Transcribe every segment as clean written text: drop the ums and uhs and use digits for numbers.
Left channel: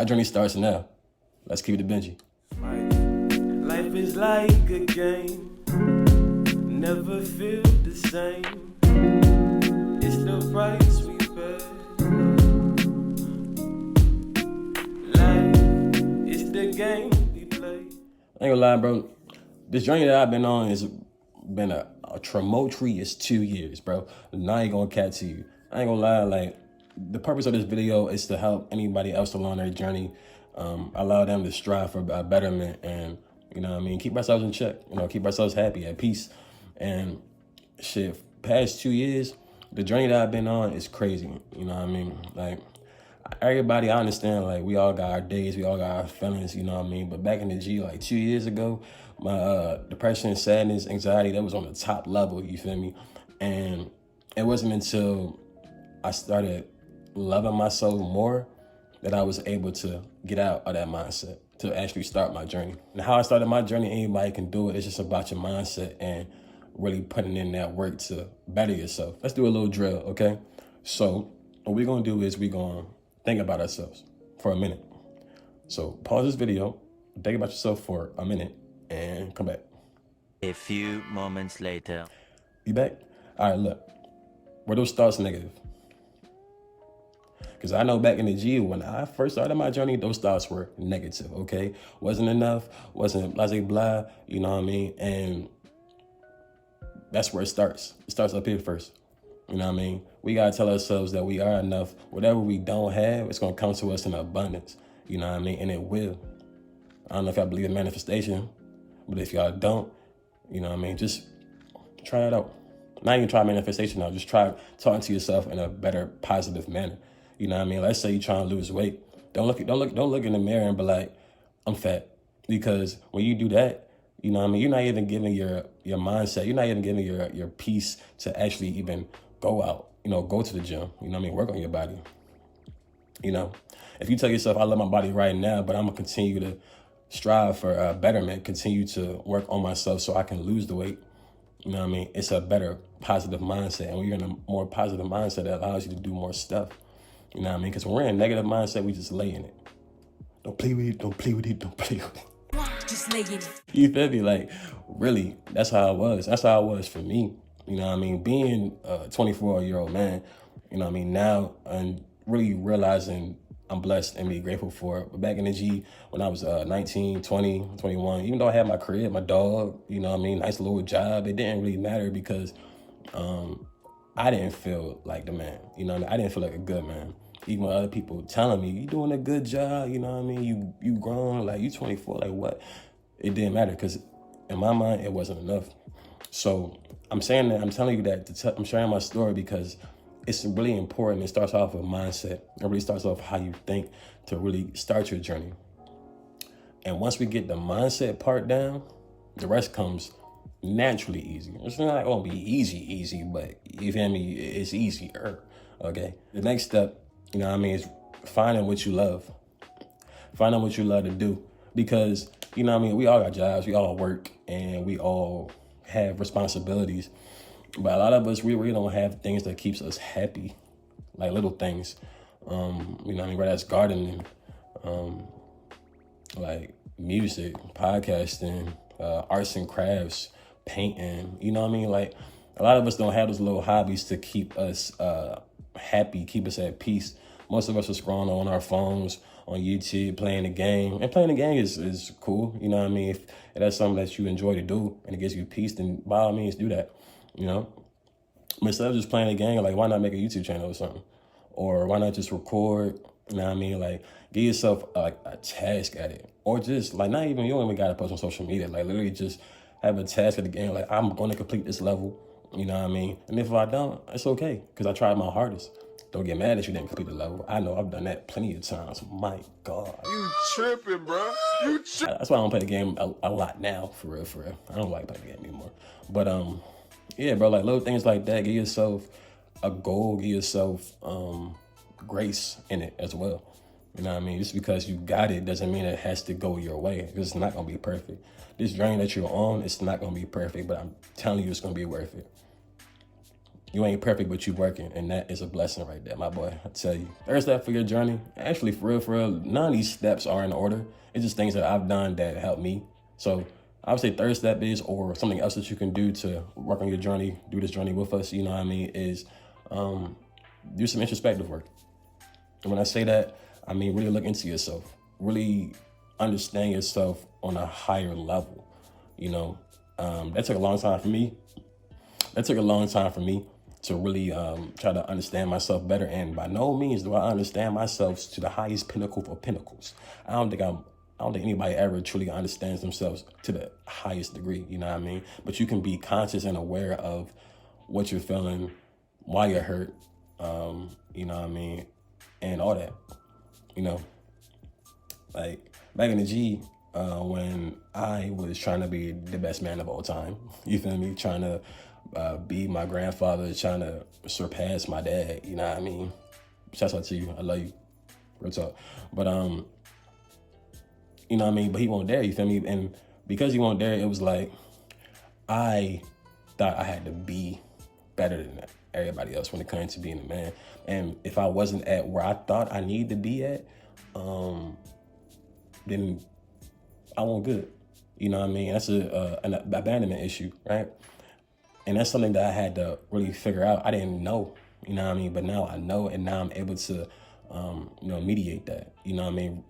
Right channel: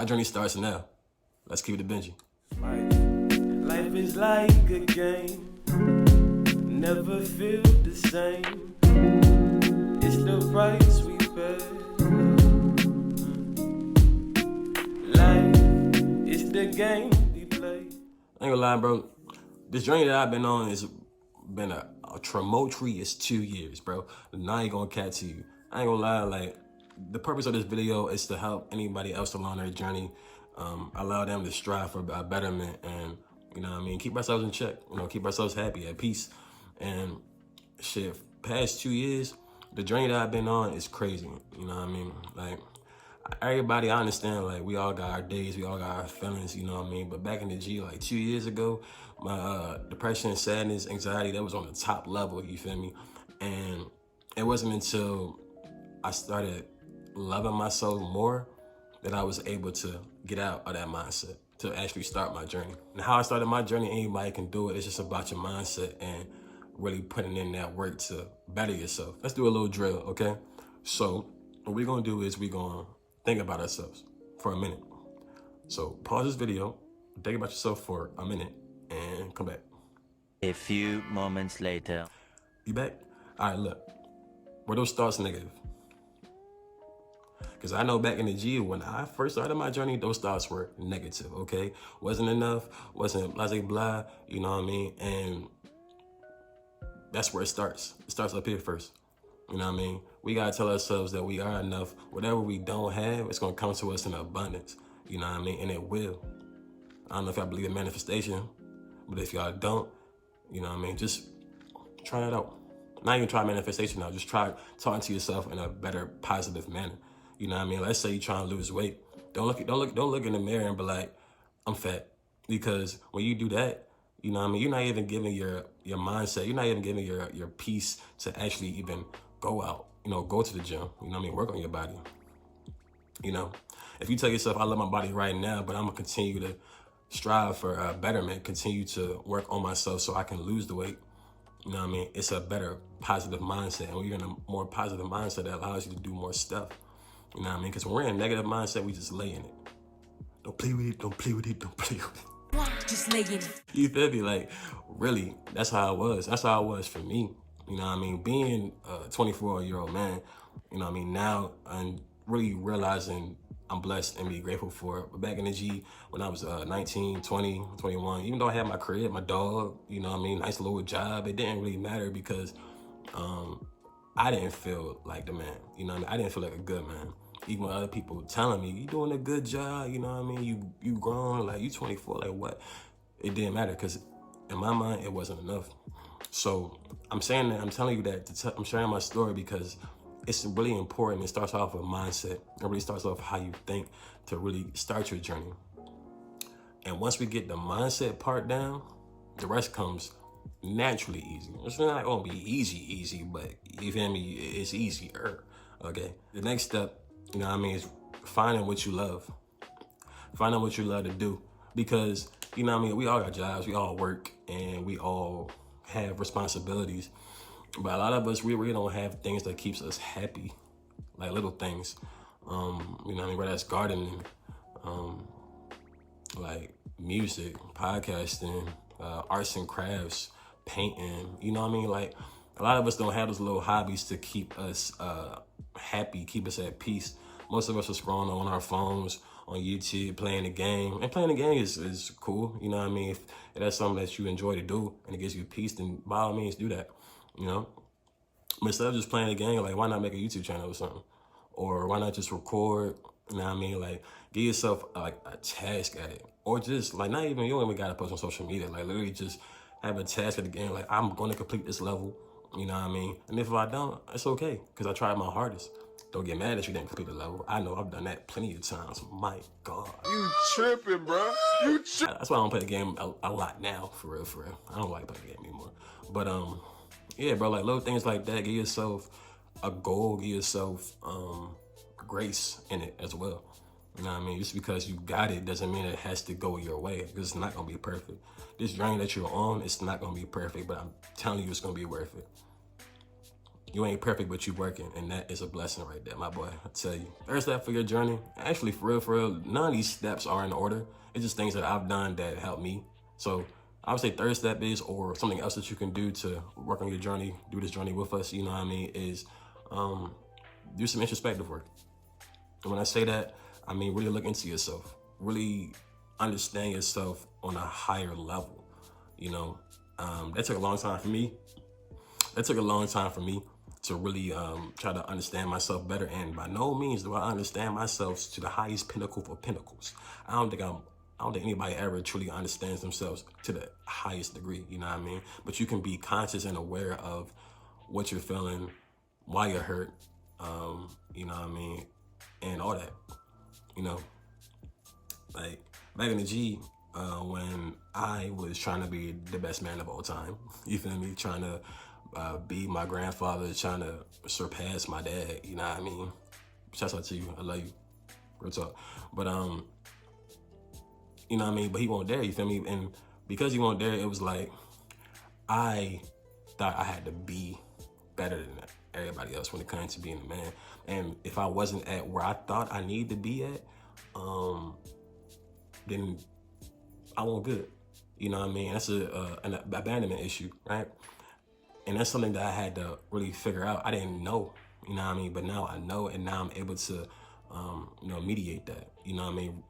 Our journey starts now. Let's keep it Benji. Life is like a game, never feel the same. It's the price we pay. Life is the game we play. I ain't gonna lie, bro. This journey that I've been on has been a tumultuous 2 years, bro. Now I ain't gonna cat to you. I ain't gonna lie, like, the purpose of this video is to help anybody else along their journey, allow them to strive for a betterment and, you know what I mean, keep ourselves in check, you know, keep ourselves happy, at peace. And shit, past 2 years, the journey that I've been on is crazy, you know what I mean? Like, everybody, I understand, like, we all got our days, we all got our feelings, you know what I mean? But back in the G, like 2 years ago, my depression, sadness, anxiety, that was on the top level, you feel me? And it wasn't until I started loving myself more that I was able to get out of that mindset, to actually start my journey. And how I started my journey, anybody can do it. It's just about your mindset and really putting in that work to better yourself. Let's do a little drill, okay? So what we're gonna do is we're gonna think about ourselves for a minute. So pause this video, think about yourself for a minute, and come back. A few moments later. You back? All right, look. Were those thoughts negative? Because I know back in the G, when I first started my journey, those thoughts were negative, okay? Wasn't enough, wasn't blah, blah, you know what I mean? And that's where it starts. It starts up here first, you know what I mean? We gotta tell ourselves that we are enough. Whatever we don't have, it's gonna come to us in abundance, you know what I mean? And it will. I don't know if y'all believe in manifestation, but if y'all don't, you know what I mean? Just try that out. Not even try manifestation now, just try talking to yourself in a better, positive manner. You know what I mean? Let's say you're trying to lose weight. Don't look in the mirror and be like, I'm fat. Because when you do that, you know what I mean? You're not even giving your mindset, you're not even giving your peace to actually even go out, you know, go to the gym, you know what I mean? Work on your body. You know, if you tell yourself, I love my body right now, but I'm gonna continue to strive for betterment, continue to work on myself so I can lose the weight. You know what I mean? It's a better positive mindset. And when you're in a more positive mindset, that allows you to do more stuff. You know what I mean? Because when we're in a negative mindset, we just lay in it. Don't play with it, don't play with it, don't play with it. Just lay in it. You feel me? Like, really, that's how it was. That's how it was for me. You know what I mean? Being a 24-year-old man, you know what I mean, now and really realizing I'm blessed and be grateful for it. But back in the G, when I was 19, 20, 21, even though I had my crib, my dog, you know what I mean, nice little job, it didn't really matter because I didn't feel like the man, you know what I mean? I didn't feel like a good man. Even when other people telling me, you doing a good job, you know what I mean? You grown, like you 24, like what? It didn't matter because in my mind, it wasn't enough. So I'm saying that, I'm telling you that, I'm sharing my story because it's really important. It starts off with mindset. It really starts off how you think to really start your journey. And once we get the mindset part down, the rest comes naturally easy. It's not gonna be easy, but you feel me? It's easier, okay? The next step, you know what I mean, is finding what you love. Finding what you love to do. Because, you know what I mean, we all got jobs, we all work, and we all have responsibilities. But a lot of us, we really don't have things that keeps us happy, like little things. You know what I mean, whether that's gardening, like music, podcasting, arts and crafts, painting, you know what I mean? Like, a lot of us don't have those little hobbies to keep us happy, keep us at peace. Most of us are scrolling on our phones, on YouTube, playing the game. And playing the game is cool, you know what I mean? If that's something that you enjoy to do and it gives you peace, then by all means do that, you know? But instead of just playing the game, like, why not make a YouTube channel or something? Or why not just record, you know what I mean? Like, give yourself like a task at it. Or just, like, not even, you don't even gotta post on social media. Like, literally just have a task at the game. Like, I'm gonna complete this level, you know what I mean? And if I don't, it's okay, because I tried my hardest. Don't get mad if you didn't complete the level. I know I've done that plenty of times. My God. You tripping, bro. You tripping. That's why I don't play the game a lot now, for real. I don't like playing the game anymore. But, yeah, bro, like little things like that. Give yourself a goal, give yourself grace in it as well. You know what I mean? Just because you got it doesn't mean it has to go your way, because it's not gonna be perfect. This journey that you're on, it's not gonna be perfect, but I'm telling you it's gonna be worth it. You ain't perfect, but you working, and that is a blessing right there, my boy. I tell you. Third step for your journey, actually, for real, none of these steps are in order. It's just things that I've done that help me. So I would say third step is, or something else that you can do to work on your journey, do this journey with us, you know what I mean, is do some introspective work. And when I say that, I mean really look into yourself, really understand yourself on a higher level, you know. That took a long time for me. To really try to understand myself better. And by no means do I understand myself to the highest pinnacle of pinnacles. I don't think anybody ever truly understands themselves to the highest degree, you know what I mean? But you can be conscious and aware of what you're feeling, why you're hurt, you know what I mean? And all that, you know? Like, back in the G, when I was trying to be the best man of all time, you feel me? Trying to be my grandfather, trying to surpass my dad, you know what I mean? Shouts out to you, I love you, real talk. But, you know what I mean? But he wasn't there, you feel me? And because he wasn't there, it was like, I thought I had to be better than everybody else when it comes to being a man. And if I wasn't at where I thought I needed to be at, then I wasn't good. You know what I mean? That's an abandonment issue, right? And that's something that I had to really figure out. I didn't know, you know what I mean? But now I know, and now I'm able to, you know, mediate that. You know what I mean?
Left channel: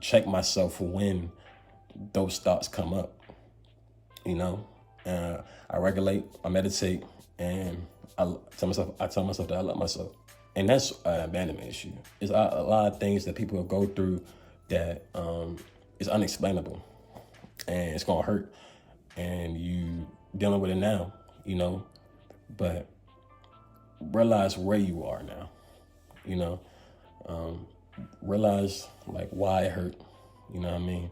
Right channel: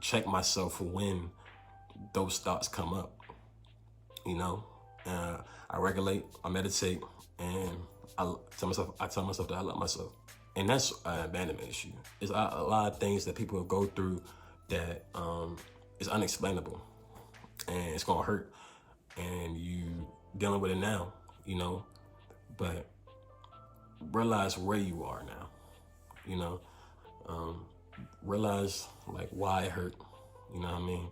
Check myself when those thoughts come up, you know? I regulate, I meditate, and I tell myself that I love myself. And that's an abandonment issue. It's a lot of things that people go through that is unexplainable, and it's gonna hurt, and you dealing with it now, you know, but realize where you are now, you know, realize like why it hurt, you know what I mean,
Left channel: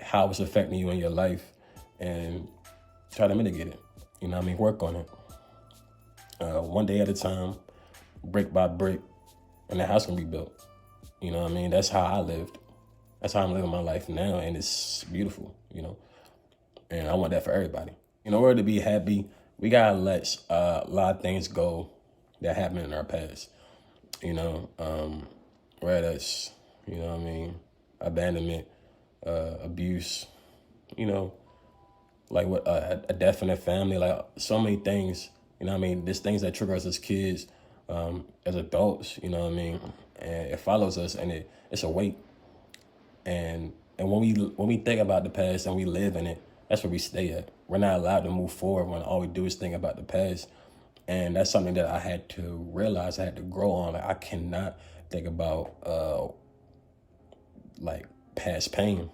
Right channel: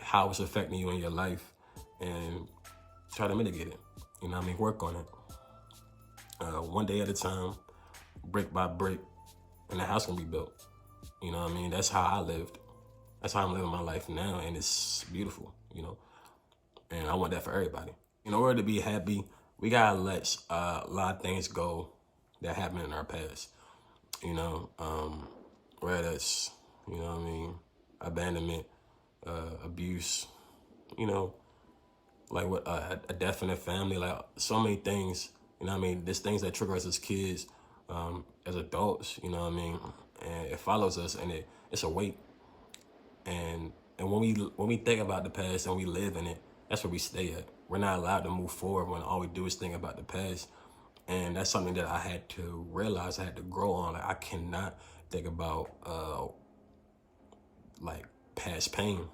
how it's affecting you in your life, and try to mitigate it, you know what I mean, work on it, one day at a time, brick by brick, and the house can be built, you know what I mean. That's how I lived. That's how I'm living my life now, and it's beautiful, you know, and I want that for everybody. In order to be happy, we gotta let a lot of things go that happened in our past, you know, whether it's, you know what I mean, abandonment, abuse, you know, like what a death in the family, like so many things, you know what I mean. There's things that trigger us as kids, as adults, you know what I mean, and it follows us, and it's a weight. And when we think about the past and we live in it, that's where we stay at. We're not allowed to move forward when all we do is think about the past. And that's something that I had to realize, I had to grow on. Like, I cannot think about like past pain.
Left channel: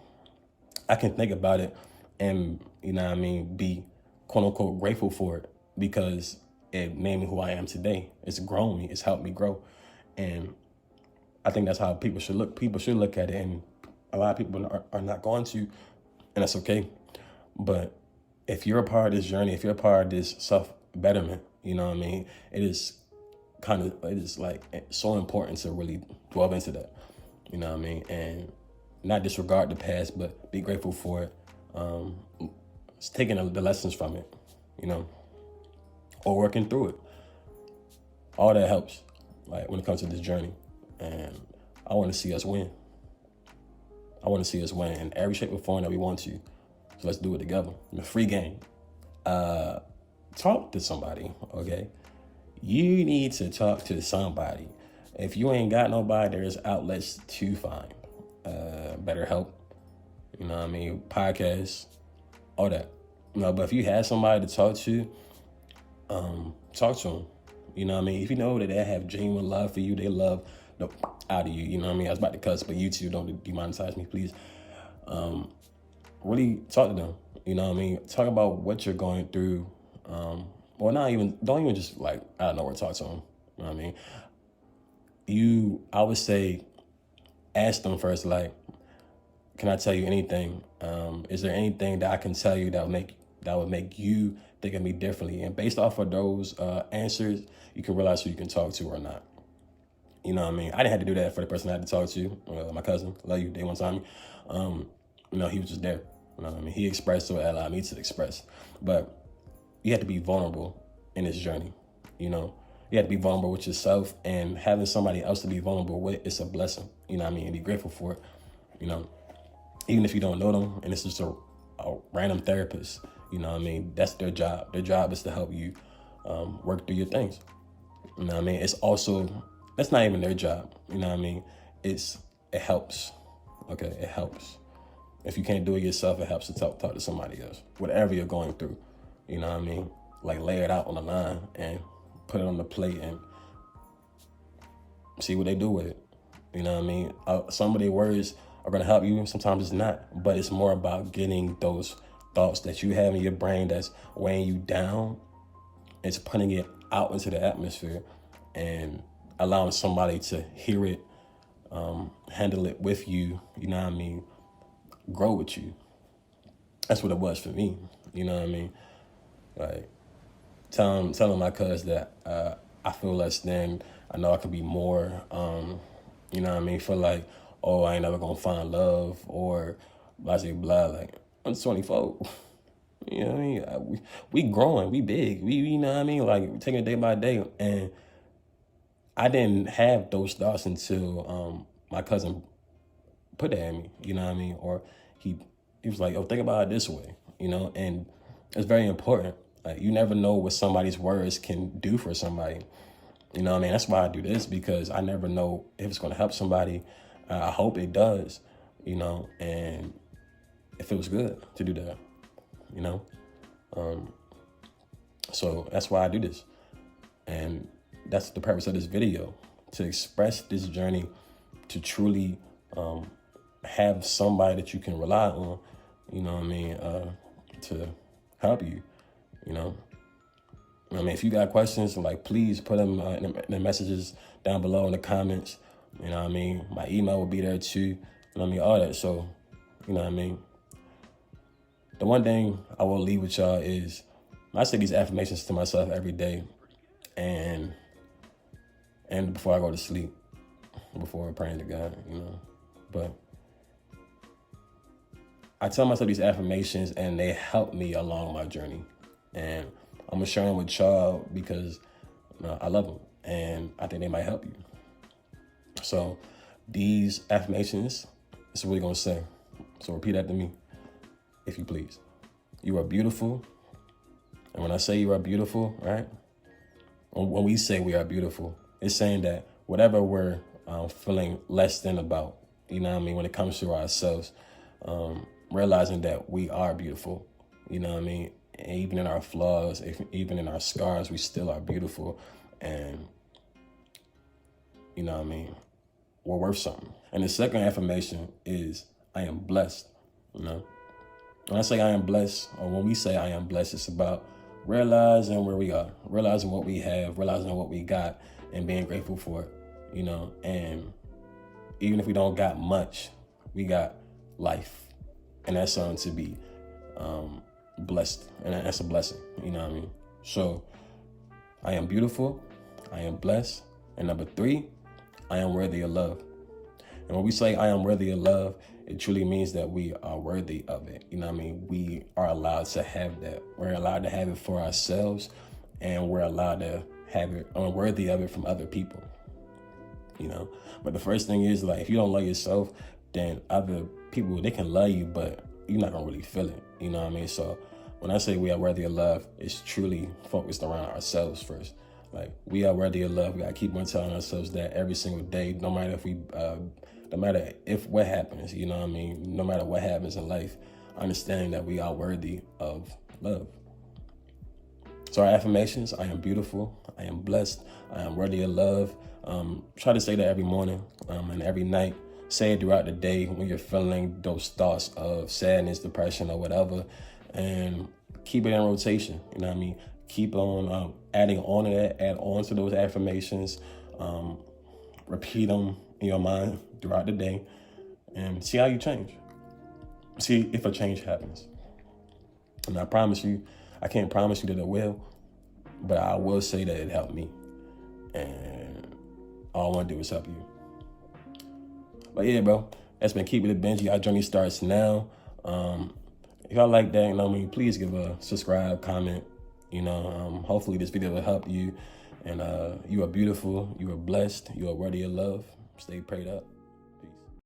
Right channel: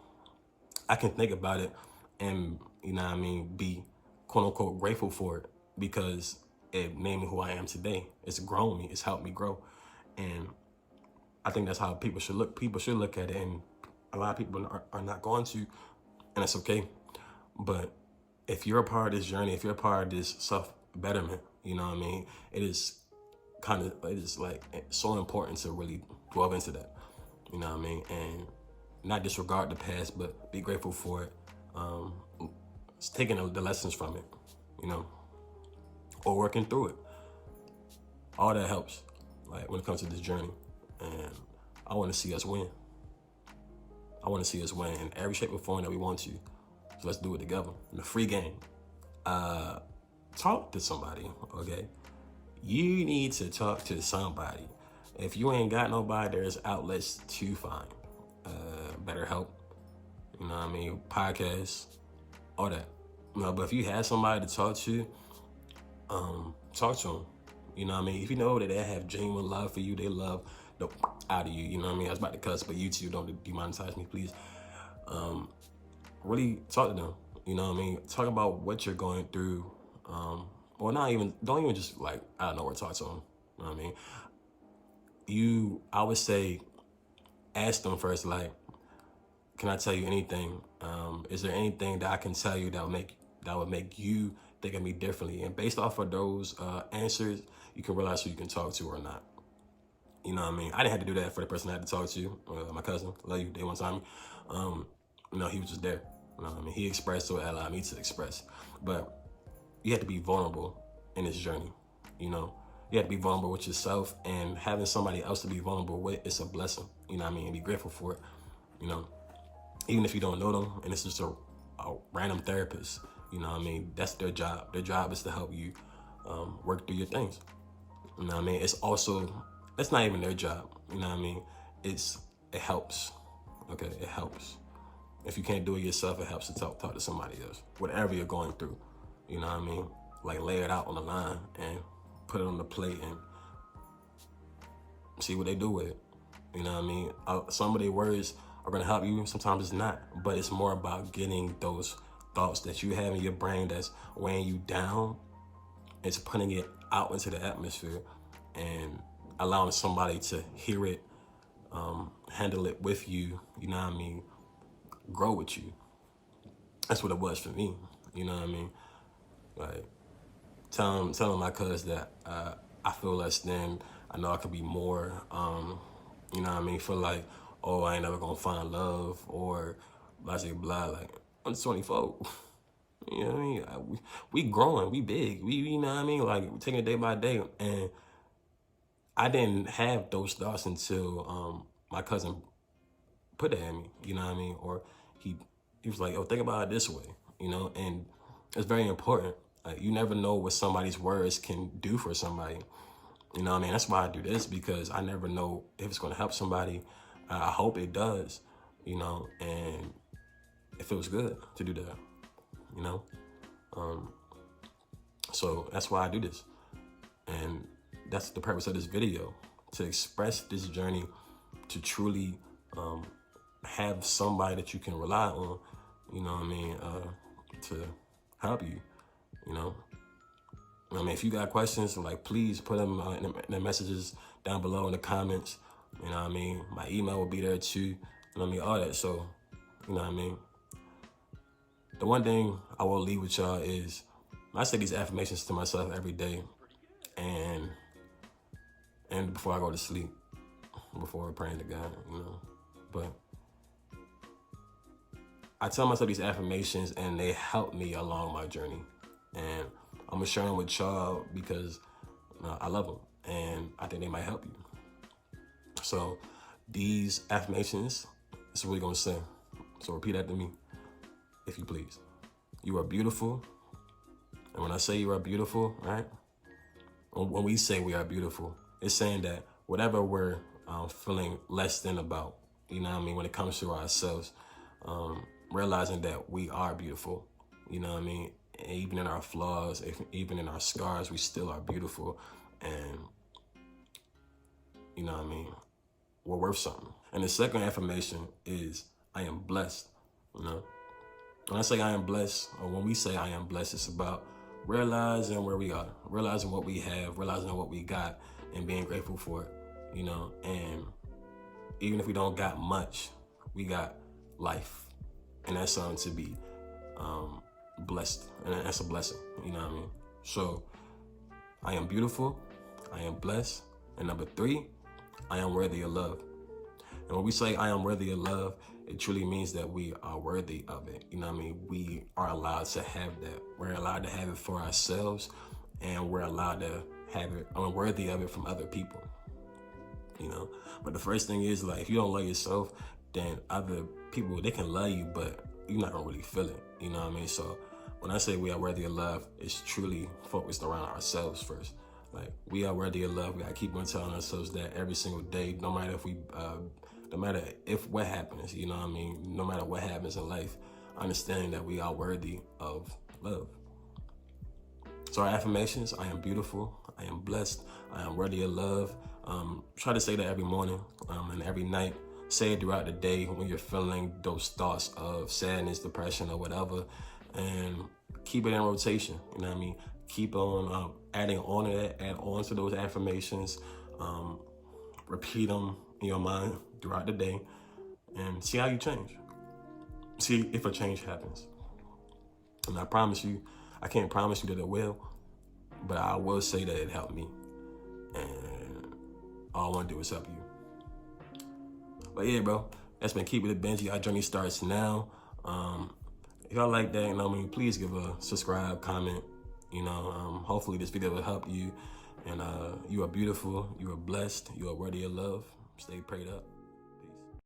I can think about it and, you know what I mean, be quote unquote grateful for it, because it made me who I am today. It's grown me, it's helped me grow. And I think that's how people should look. People should look at it, and a lot of people are not going to, and that's okay. But if you're a part of this journey, if you're a part of this self-betterment, you know what I mean, it is like so important to really delve into that, you know what I mean, and not disregard the past, but be grateful for it, taking the lessons from it, you know, or working through it. All that helps, like, when it comes to this journey. And I want to see us win. I want to see us win in every shape or form that we want to. So let's do it together. The free game. Talk to somebody, okay? You need to talk to somebody. If you ain't got nobody, there's outlets to find. BetterHelp, you know what I mean? Podcasts, all that. You know, but if you have somebody to talk to them. You know what I mean? If you know that they have genuine love for you, they love the out of you, you know what I mean? I was about to cuss, but YouTube, don't demonetize me, please. Really talk to them, you know what I mean? Talk about what you're going through. Or don't even just like, I don't know where to talk to them, you know what I mean? I would say, ask them first, like, can I tell you anything? Is there anything that I can tell you that would make you think of me differently? And based off of those answers, you can realize who you can talk to or not. You know what I mean? I didn't have to do that for the person I had to talk to. My cousin, love you, day one time. You know, he was just there. You know what I mean? He expressed, so it allowed me to express. But you have to be vulnerable in this journey. You know, you have to be vulnerable with yourself, and having somebody else to be vulnerable with is a blessing. You know what I mean? And be grateful for it. You know, even if you don't know them, and it's just a random therapist. You know what I mean? That's their job. Their job is to help you work through your things. You know what I mean? It's also, that's not even their job. You know what I mean? It helps. Okay, it helps. If you can't do it yourself, it helps to talk to somebody else. Whatever you're going through, you know what I mean? Like, lay it out on the line and put it on the plate and see what they do with it. You know what I mean? Some of their words are gonna help you, sometimes it's not. But it's more about getting those thoughts that you have in your brain that's weighing you down. It's putting it out into the atmosphere and allowing somebody to hear it, handle it with you, you know what I mean? Grow with you. That's what it was for me, you know what I mean? Like, telling my cuz that I feel less than, I know I could be more, you know what I mean? Feel like, oh, I ain't never gonna find love, or blah, blah, blah. Like, I'm 24. You know what I mean? We growing, we big, we, you know what I mean? Like, taking it day by day. And I didn't have those thoughts until my cousin put that in me, you know what I mean? Or he was like, oh, think about it this way, you know? And it's very important. Like, you never know what somebody's words can do for somebody. You know what I mean? That's why I do this, because I never know if it's going to help somebody. I hope it does, you know, and it feels good to do that, you know? So that's why I do this. And that's the purpose of this video, to express this journey, to truly have somebody that you can rely on, you know what I mean, to help you, you know? I mean, if you got questions, like, please put them in the messages down below in the comments. You know what I mean? My email will be there too. You know what I mean? All that. So, you know what I mean? The one thing I will leave with y'all is, I say these affirmations to myself every day, and before I go to sleep, before praying to God, you know. But I tell myself these affirmations, and they help me along my journey. And I'm gonna share them with y'all because, you know, I love them, and I think they might help you. So these affirmations, this is what we're gonna say. So repeat after me, if you please. You are beautiful. And when I say you are beautiful, right? When we say we are beautiful, it's saying that whatever we're feeling less than about, you know what I mean, when it comes to ourselves, realizing that we are beautiful, you know what I mean? And even in our flaws, even in our scars, we still are beautiful. And, you know what I mean, we're worth something. And the second affirmation is, I am blessed, you know? When I say I am blessed, or when we say I am blessed, it's about realizing where we are, realizing what we have, realizing what we got, and being grateful for it, you know? And even if we don't got much, we got life. And that's something to be blessed, and that's a blessing, you know what I mean? So I am beautiful, I am blessed, and number 3, I am worthy of love. And when we say I am worthy of love, it truly means that we are worthy of it. You know what I mean? We are allowed to have that. We're allowed to have it for ourselves, and we're allowed to have it, worthy of it from other people, you know? But the first thing is, like, if you don't love yourself, then other people, they can love you, but you're not gonna really feel it, you know what I mean? So when I say we are worthy of love, it's truly focused around ourselves first. Like, we are worthy of love. We gotta keep on telling ourselves that every single day, no matter if what happens, you know what I mean? No matter what happens in life, understanding that we are worthy of love. So our affirmations: I am beautiful, I am blessed, I am worthy of love. Try to say that every morning and every night. Say it throughout the day when you're feeling those thoughts of sadness, depression, or whatever, and keep it in rotation. You know what I mean? Keep on adding on to that, add on to those affirmations, repeat them in your mind throughout the day, and see how you change. See if a change happens. And I promise you, I can't promise you that it will, but I will say that it helped me. And all I want to do is help you. But yeah, bro, that's been Keep It Benji. Our journey starts now. If y'all like that, you know what I mean, please give a subscribe, comment. You know, hopefully this video will help you. And you are beautiful. You are blessed. You are worthy of love. Stay prayed up.